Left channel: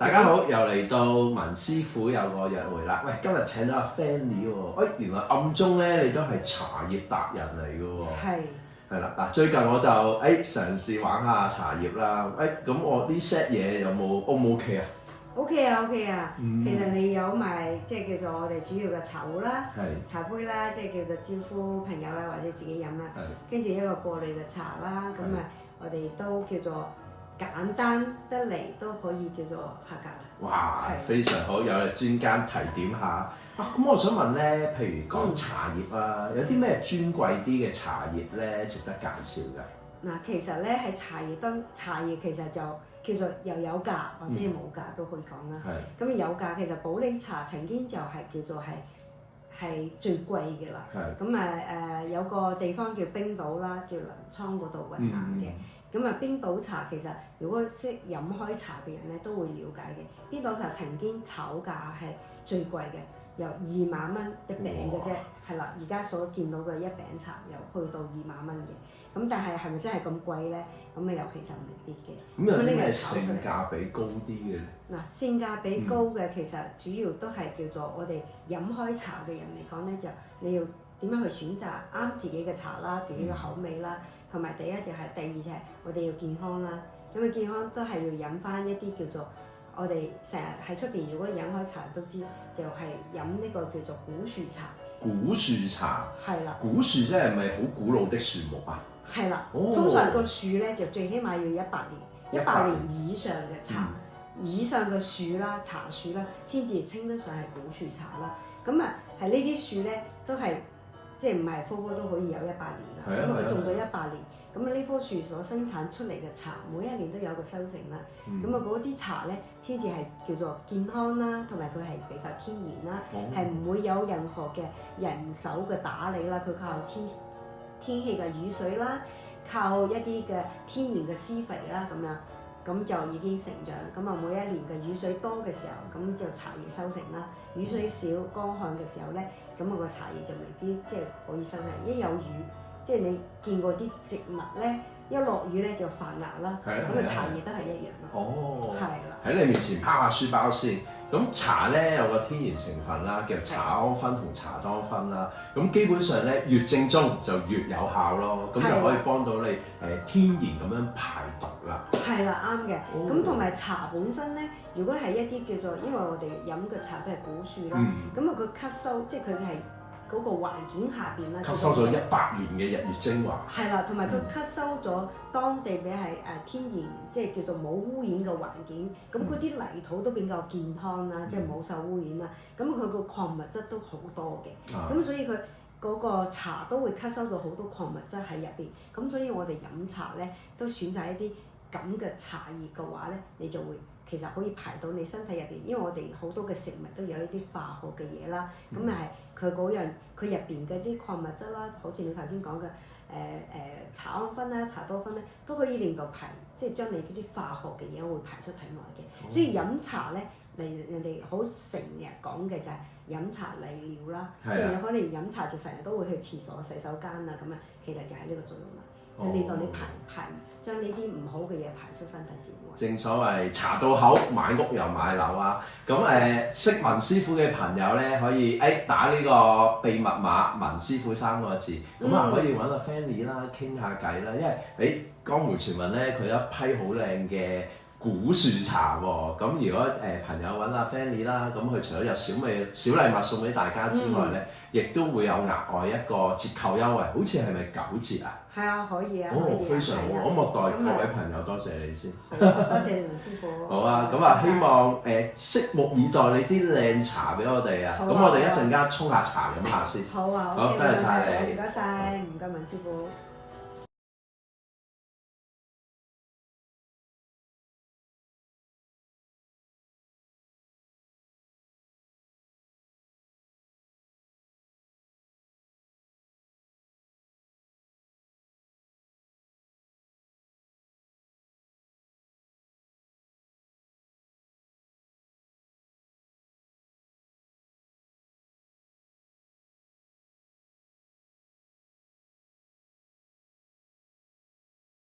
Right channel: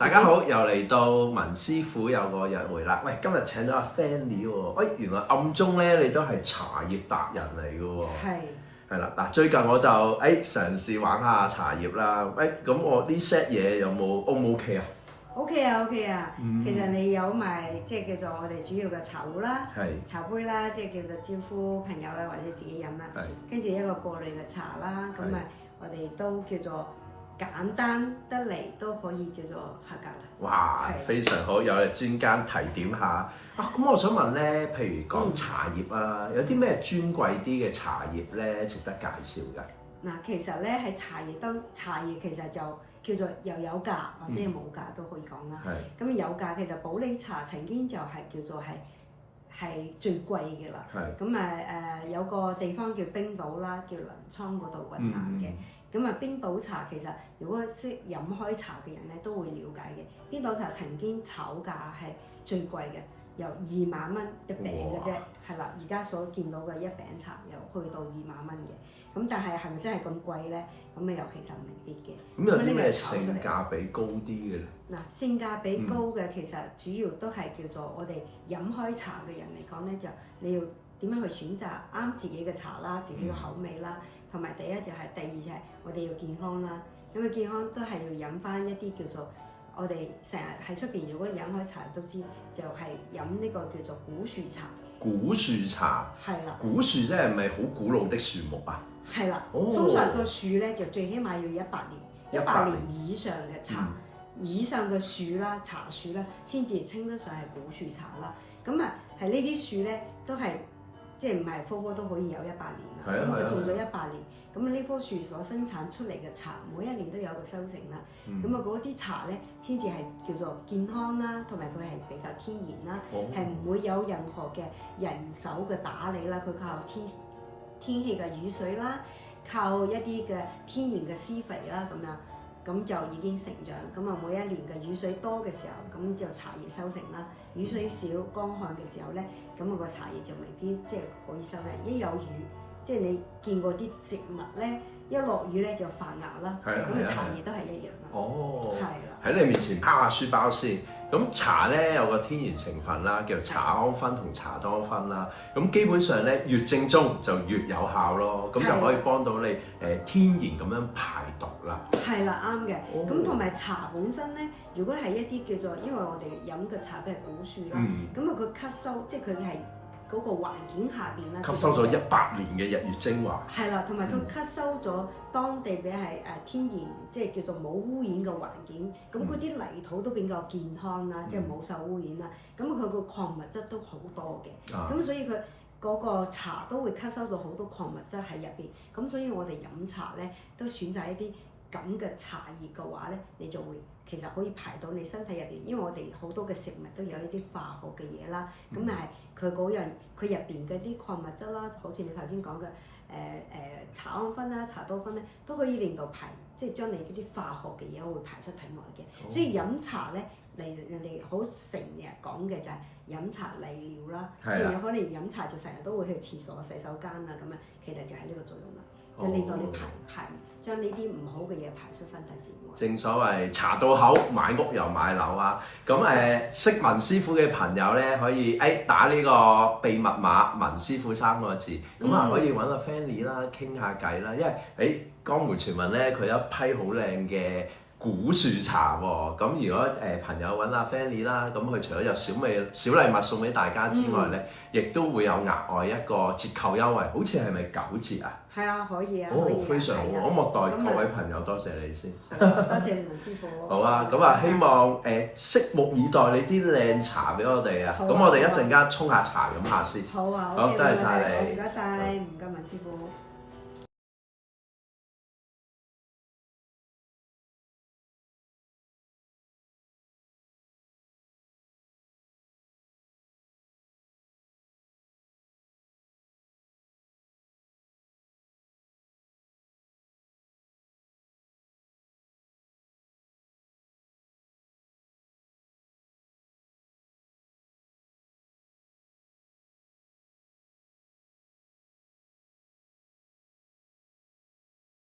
大家好，又嚟到文師傅有個約會啦。喂，今日請咗阿 Fanny 喎。喂，原來暗中咧你都係茶葉達人嚟嘅喎。係。係啦，嗱，最近我就嘗試玩下茶葉啦。喂，咁我呢 set 嘢有冇 O 唔 OK 啊？OK 啊，OK 啊。其實你有埋即係叫做我哋主要嘅茶壺啦、茶杯啦，即係叫做招呼朋友啦，或者自己飲啦。跟住一個過濾嘅茶啦，咁啊，我哋都叫做簡單得嚟都可以叫做合格啦。哇，非常好，有專家提點下啊！咁我想問咧，譬如講茶葉啊，有啲咩尊貴啲嘅茶葉咧，值得介紹㗎？嗱，其實咧喺茶葉其實就叫做又有價或者冇價都可以講啦。咁有價其實普洱茶曾經就係叫做係最貴嘅啦。咁有個地方叫冰島啦，叫臨滄嗰度雲南嘅。咁冰島茶其實如果識飲開茶嘅人咧都會了解嘅。冰島茶曾經炒價係最貴嘅，由2萬蚊一餅嘅啫，係啦。而家所見到嘅一餅茶又去到2萬蚊嘅。咁但係係咪真係咁貴咧？咁又其實未必嘅。咁有啲咩性價比高啲嘅咧？嗱，性價比高嘅其實主要都係叫做我哋飲開茶嘅人嚟講咧，就你要點樣去選擇啱自己嘅茶啦，自己嘅口味啦，同埋第二就係我哋要健康啦。咁健康都係要飲翻一啲叫做我哋成日喺出邊如果飲開茶都知，就係飲呢個叫做古樹茶。古樹茶係啦。古樹即係咪好古老的樹木啊？係啦。通常個樹咧就最起碼要100年，100年以上嘅茶，以上嘅樹啦、茶樹啦，先至稱得上係古樹茶啦。咁係呢啲樹咧都係即係唔係科科都可以有100年啦。咁佢種咗100年。咁呢棵樹所生產出嚟嘅茶，每一年都有個收成啦。咁嗰啲茶咧，先至係叫做健康啦，同埋佢係比較天然啦，係唔會有任何嘅人手嘅打理啦。佢靠天氣嘅雨水啦，靠一啲嘅天然嘅施肥啦，咁就已經成長。咁每一年嘅雨水多嘅時候，咁就茶葉收成啦。雨水少、乾旱嘅時候咧，咁個茶葉就未必即係可以收成。一有雨，即係你見過啲植物咧，一落雨咧就發芽啦。咁茶葉都係一樣啦。係啦。喺你面前拋下書包先。咁茶咧有個天然成分啦，叫茶氨酚同茶多酚啦。咁基本上咧越正宗就越有效咯。咁就可以幫到你天然咁樣排毒啦。係啦，啱嘅。咁同埋茶本身咧，如果係一啲叫做，因為我哋飲嘅茶都係古樹啦，咁佢吸收，即係佢係嗰個環境下邊啦，吸收咗100年嘅日月精華。係啦，同埋佢吸收咗當地嘅係天然，即係叫做冇污染嘅環境。咁嗰啲泥土都比較健康啦，即係冇受污染啦。咁佢個礦物質都好多嘅。咁所以佢嗰個茶都會吸收到好多礦物質喺入邊。咁所以我哋飲茶咧都選擇一啲咁嘅茶葉嘅話咧，你就會其實可以排到你身體入邊，因為我哋好多嘅食物都有一啲化學嘅嘢啦。咁佢嗰樣佢入邊嘅啲礦物質啦，好似你頭先講嘅茶氨酚啦、茶多酚咧，都可以令到即係將你嗰啲化學嘅嘢會排出體外嘅。所以飲茶咧，人哋好成日講嘅就係飲茶利尿啦，即係你可能飲茶就成日都會去廁所、洗手間啊咁啊，其實就係呢個作用啦。令到你將呢啲唔好嘅嘢排出身體之外。正所謂茶到口，買屋又買樓啊！咁識文師傅嘅朋友咧，可以打呢個秘密碼文師傅3個字，咁可以揾阿 Fanny 啦，傾下偈啦。因為江湖傳聞咧，佢有一批好靚嘅古樹茶喎。咁如果朋友揾阿 Fanny 啦，咁佢除咗有小禮物送俾大家之外咧，亦都會有額外一個折扣優惠，好似係咪9折啊？係啊，可以啊，非常好，我莫代各位朋友多謝你先。多謝文師傅。好啊，咁希望拭目以待你啲靚茶俾我哋啊。咁我哋一陣間沖下茶飲下先。好啊，好，多謝晒你。唔該晒，唔該文師傅。